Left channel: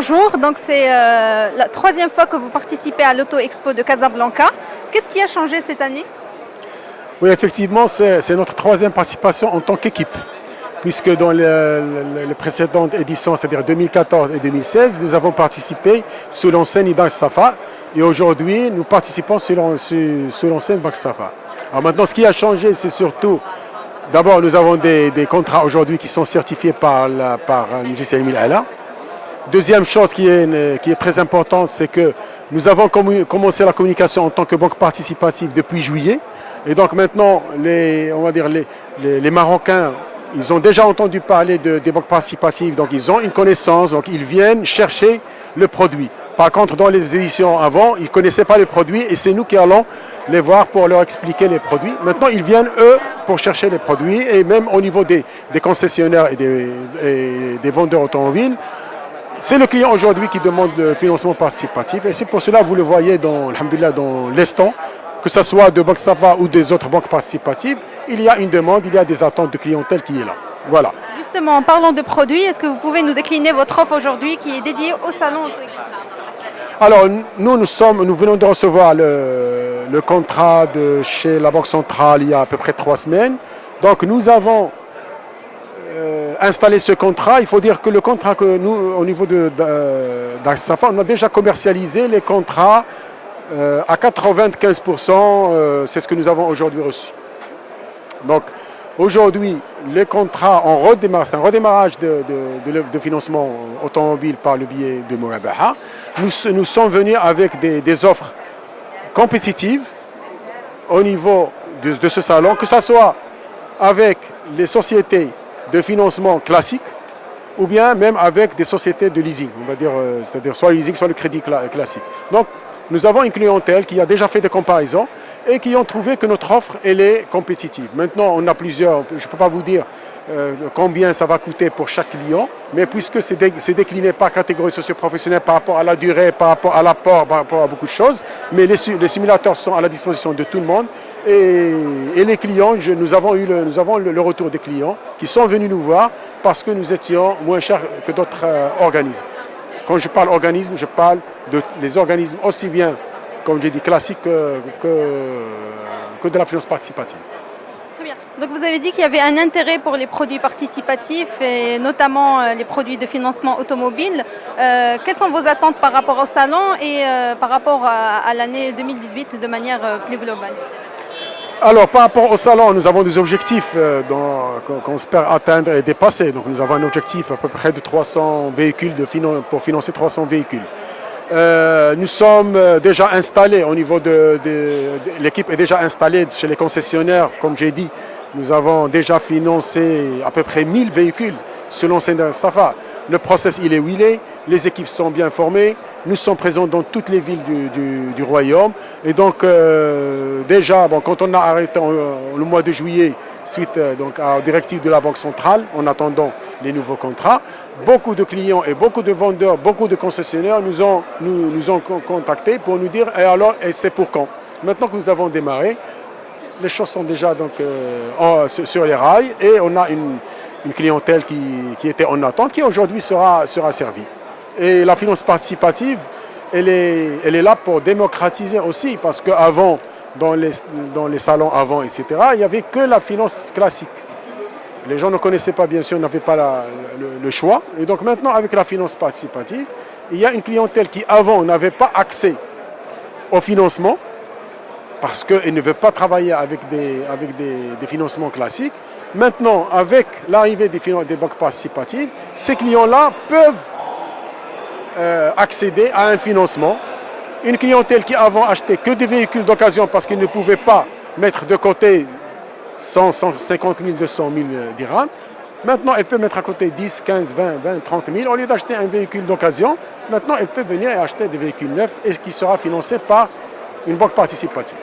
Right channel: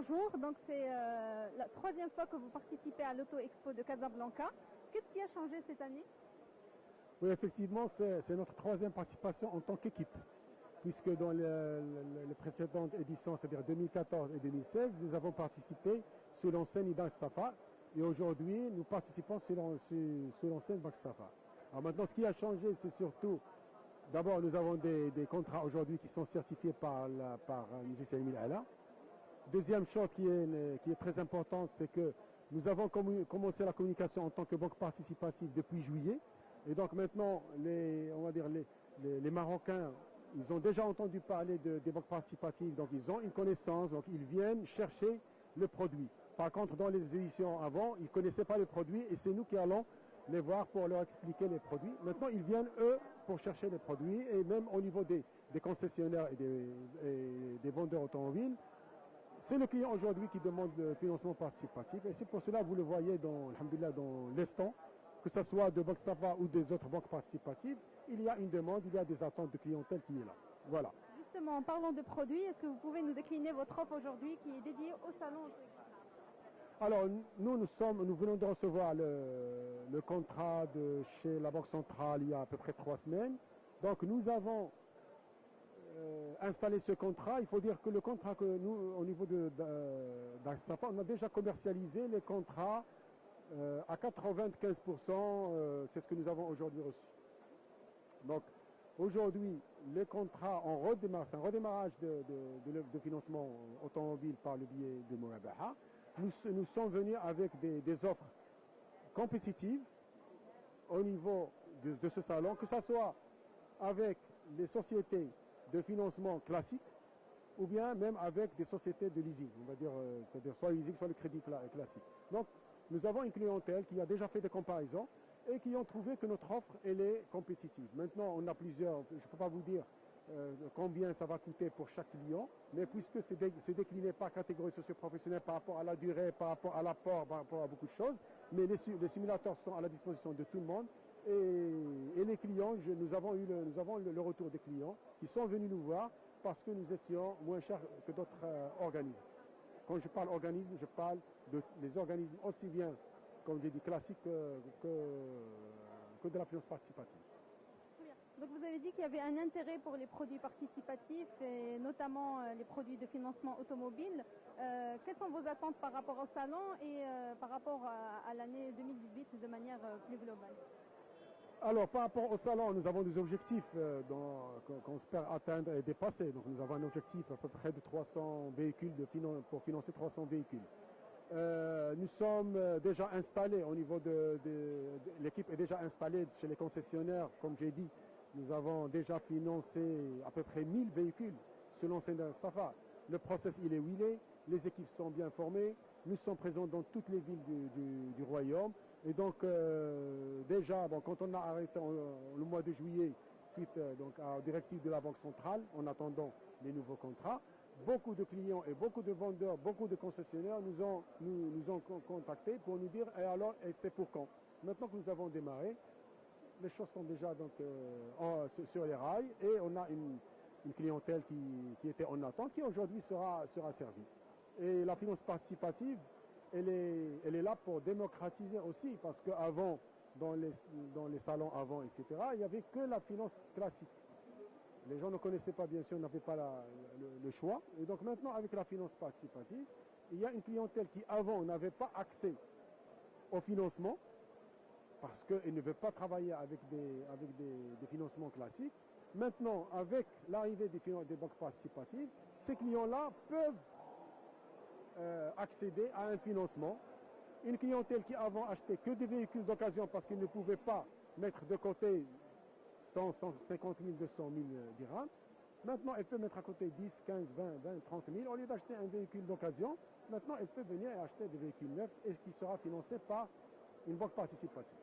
Bonjour, donc c'est la troisième fois que vous participez à l'Auto Expo de Casablanca. Qu'est-ce qui a changé cette année? Oui, effectivement, c'est notre troisième participation en tant qu'équipe, puisque dans les précédentes éditions, c'est-à-dire 2014 et 2016, nous avons participé sous l'enseigne Banque Safa, et aujourd'hui, nous participons sous l'enseigne Banque Safa. Alors maintenant, ce qui a changé, c'est surtout, d'abord, nous avons des contrats aujourd'hui qui sont certifiés par M. Salim El-Ala. Deuxième chose qui est très importante, c'est que nous avons commencé la communication en tant que banque participative depuis juillet. Et donc maintenant, les Marocains, ils ont déjà entendu parler des banques participatives, donc ils ont une connaissance, donc ils viennent chercher le produit. Par contre, dans les éditions avant, ils ne connaissaient pas le produit et c'est nous qui allons les voir pour leur expliquer les produits. Maintenant, ils viennent, eux, pour chercher les produits et même au niveau des concessionnaires et des vendeurs automobiles, c'est le client aujourd'hui qui demande le financement participatif et c'est pour cela, vous le voyez dans l'instant, que ce soit de Banque Safa ou des autres banques participatives, il y a une demande, il y a des attentes de clientèle qui est là. Voilà. Justement, en parlant de produits, est-ce que vous pouvez nous décliner votre offre aujourd'hui qui est dédiée au salon Auto Expo? Alors, nous venons de recevoir le contrat de chez la Banque Centrale il y a à peu près 3 semaines. Donc, nous avons installer ce contrat. Il faut dire que le contrat que nous, au niveau d'Axafa, on a déjà commercialisé les contrats à 95%, c'est ce que nous avons aujourd'hui reçu. Donc aujourd'hui, les contrats, c'est un redémarrage de financement automobile par le biais de Mourabaha. Nous sommes venus avec des offres compétitives au niveau de ce salon, que ce soit avec les sociétés de financement classique ou bien même avec des sociétés de leasing, on va dire, c'est-à-dire soit le leasing, soit le crédit classique. Donc, nous avons une clientèle qui a déjà fait des comparaisons et qui ont trouvé que notre offre, elle est compétitive. Maintenant, on a plusieurs, je ne peux pas vous dire combien ça va coûter pour chaque client, mais puisque c'est décliné par catégorie socio-professionnelle, par rapport à la durée, par rapport à l'apport, par rapport à beaucoup de choses, mais les simulateurs sont à la disposition de tout le monde et les clients, nous avons le retour des clients qui sont venus nous voir parce que nous étions moins chers que d'autres organismes. Quand je parle organisme, je parle des organismes aussi bien, comme j'ai dit, classiques que de la finance participative. Très bien. Donc vous avez dit qu'il y avait un intérêt pour les produits participatifs et notamment les produits de financement automobile. Quelles sont vos attentes par rapport au salon et par rapport à l'année 2018 de manière plus globale? Alors, par rapport au salon, nous avons des objectifs qu'on espère atteindre et dépasser. Donc, nous avons un objectif à peu près de 300 véhicules pour financer 300 véhicules. Nous sommes déjà installés au niveau l'équipe est déjà installée chez les concessionnaires. Comme j'ai dit, nous avons déjà financé à peu près 1000 véhicules selon Safa. Le process, il est où il est. Les équipes sont bien formées. Nous sommes présents dans toutes les villes du royaume. Et donc, déjà, quand on a arrêté le mois de juillet, suite aux directives de la Banque centrale, en attendant les nouveaux contrats, beaucoup de clients et beaucoup de vendeurs, beaucoup de concessionnaires nous ont contactés pour nous dire « Et alors, et c'est pour quand ?» Maintenant que nous avons démarré, les choses sont déjà sur les rails et on a une clientèle qui était en attente, qui aujourd'hui sera servie. Et la finance participative, elle est là pour démocratiser aussi, parce qu'avant, dans les salons avant, etc., il n'y avait que la finance classique. Les gens ne connaissaient pas, bien sûr, n'avaient pas le choix. Et donc maintenant, avec la finance participative, il y a une clientèle qui, avant, n'avait pas accès au financement, parce qu'elle ne veut pas travailler avec des financements classiques. Maintenant, avec l'arrivée des banques participatives, ces clients-là peuvent accéder à un financement. Une clientèle qui avant achetait que des véhicules d'occasion parce qu'ils ne pouvaient pas mettre de côté 100, 150 000, 200 000 dirhams, maintenant elle peut mettre à côté 10, 15, 20, 30 000. Au lieu d'acheter un véhicule d'occasion, maintenant elle peut venir et acheter des véhicules neufs et qui sera financé par une banque participative.